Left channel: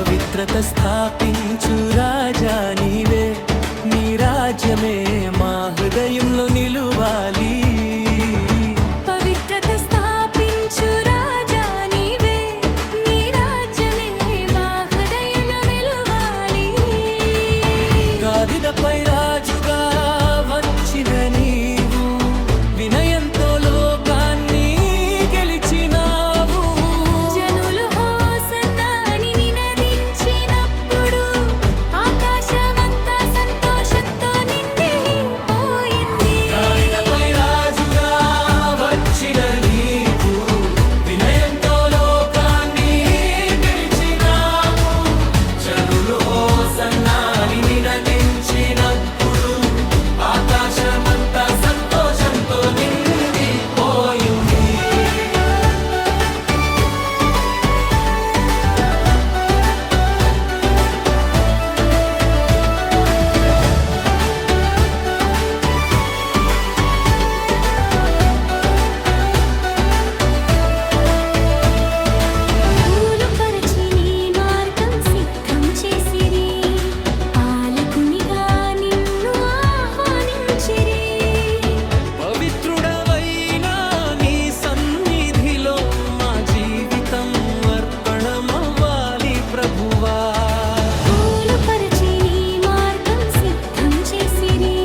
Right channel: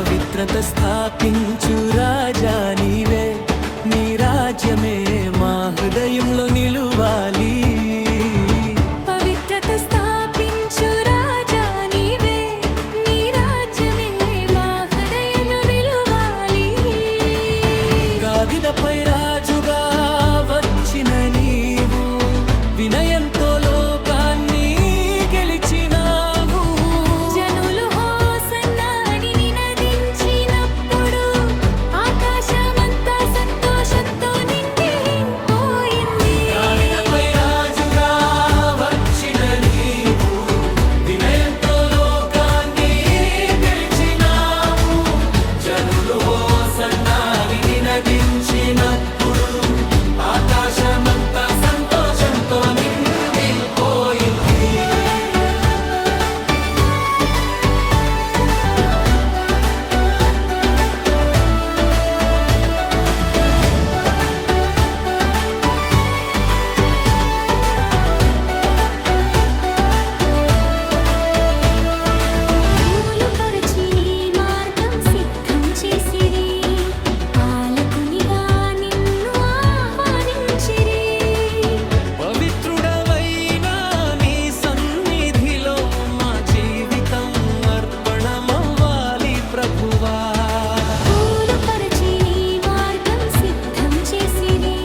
పవిత్రత స్థాపించు రాజా నీవే, నీ రాజ్యమే మా హృదయంలో నిలువాలి. పవిత్రత స్థాపించు రాజా నీవే, నీ రాజ్యమే మా హృదయంలో నిలువాలి. గాడిదపై రాజుగా వచ్చిన నీవు, వినయంతో లోకాన్ని గెలిచినావు. జనులు హోసన్నా అని నినదించినప్పుడు ఆకాశమంతా సంతోషంతో నిండిపోయింది. గాడిదపై రాజుగా వచ్చిన నీవు, వినయంతో లోకాన్ని గెలిచినావు. జనులు హోసన్నా అని నినదించినప్పుడు ఆకాశమంతా సంతోషంతో నిండిపోయింది. పూలు పరచి నీ మార్గం సిద్ధం చేసిరి, పాలకునిగా నిన్ను ఆహ్వానించిరి. పవిత్రుడవైన నీ సన్నిధిలో మా జీవితం అర్పణమవ్వాలి ప్రభువా. పూలు పరచి నీ మార్గం సిద్ధం చేసిరి,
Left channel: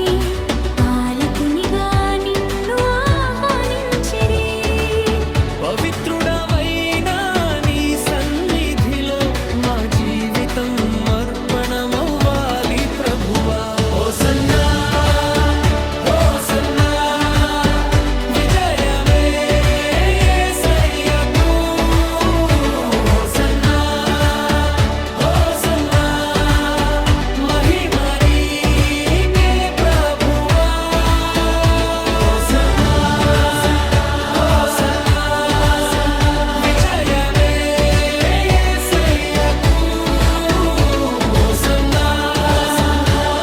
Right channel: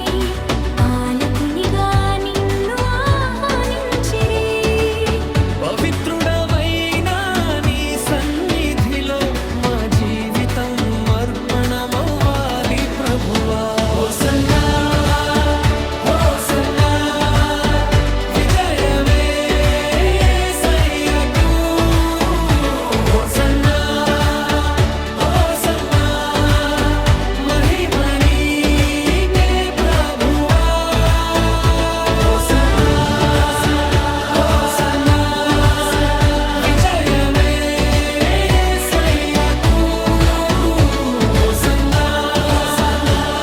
పాలకునిగా నిన్ను ఆహ్వానించిరి. పవిత్రుడవైన నీ సన్నిధిలో మా జీవితం అర్పణమవ్వాలి ప్రభువా. హోసన్నా, హోసన్నా, విజయమే యేసయ్యకు. హోసన్నా, హోసన్నా, మహిమ నీకే ప్రభువా. హోసన్నా, హోసన్నా, విజయమే యేసయ్యకు. హోసన్నా,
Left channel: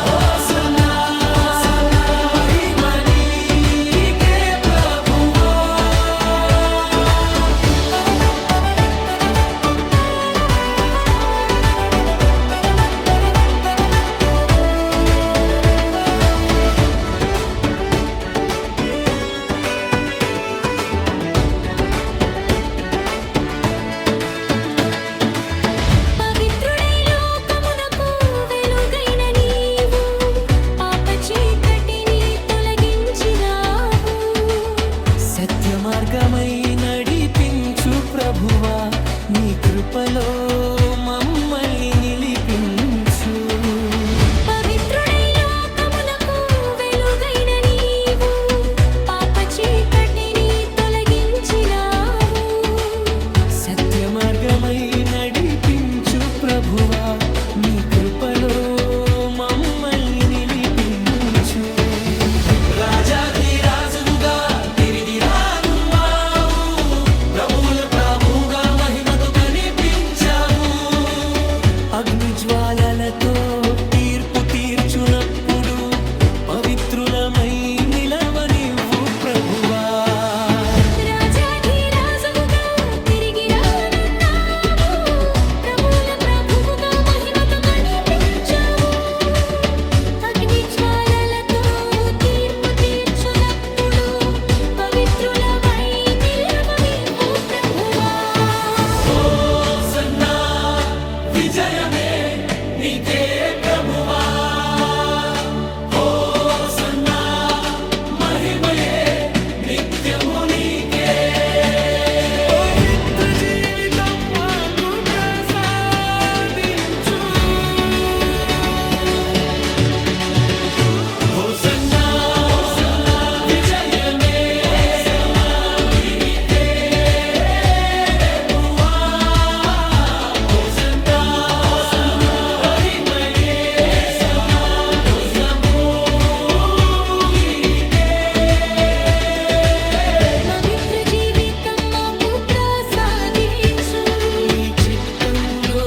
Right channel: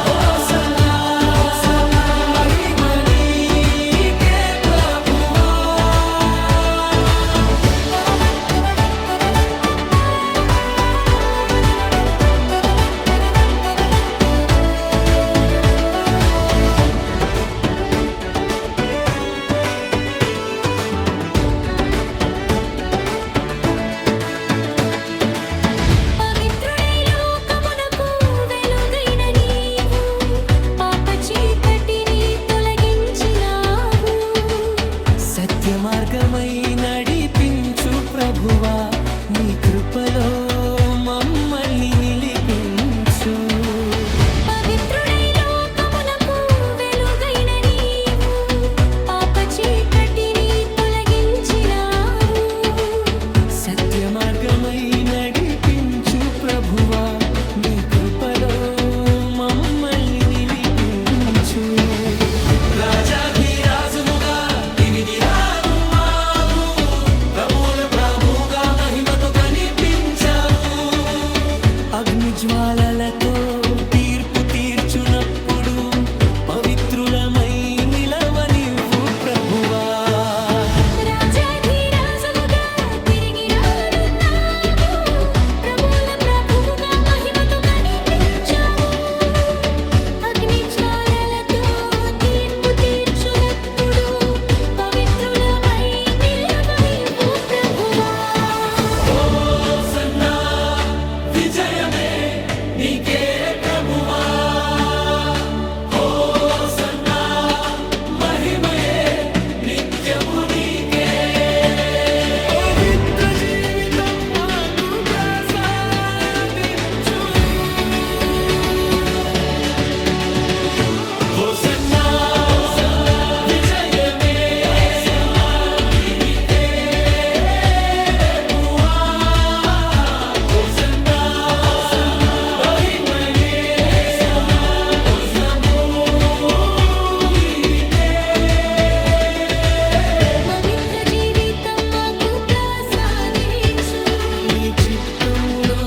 హోసన్నా, మహిమ నీకే ప్రభువా. పవిత్రుడై లోకమునకు వెలుగైన నీవు, పాప చీకటిని తొలగించినావు. సత్య మార్గమై నడిపించు ప్రభువా, నీ కృపలో మమ్మల్ని నిలిపించు. పవిత్రుడై లోకమునకు వెలుగైన నీవు, పాప చీకటిని తొలగించినావు. సత్య మార్గమై నడిపించు ప్రభువా, నీ కృపలో మమ్మల్ని నిలిపించు. రాజాధిరాజువుగా తిరిగి రానున్నావు, ప్రభువుల ప్రభువుగా మహిమతో కనిపించావు. అగ్ని జ్వాలలతో తీర్పు తీర్చునప్పుడు పవిత్రులమై నిలవనివ్వు ప్రభువా. రాజాధిరాజువుగా తిరిగి రానున్నావు, ప్రభువుల ప్రభువుగా మహిమతో కనిపించావు. అగ్ని జ్వాలలతో తీర్పు తీర్చునప్పుడు పవిత్రులమై నిలవనివ్వు ప్రభువా. హోసన్నా, విజయమే నీకే ప్రభువా. హోసన్నా, మహిమయే నిత్యము నీకే. పవిత్ర జీవితం మాకు ప్రసాదించు. హోసన్నా, విజయమే నీకే ప్రభువా. హోసన్నా, మహిమయే నీకే. పవిత్ర జీవితం మాకు ప్రసాదించు. నీ చిత్తములో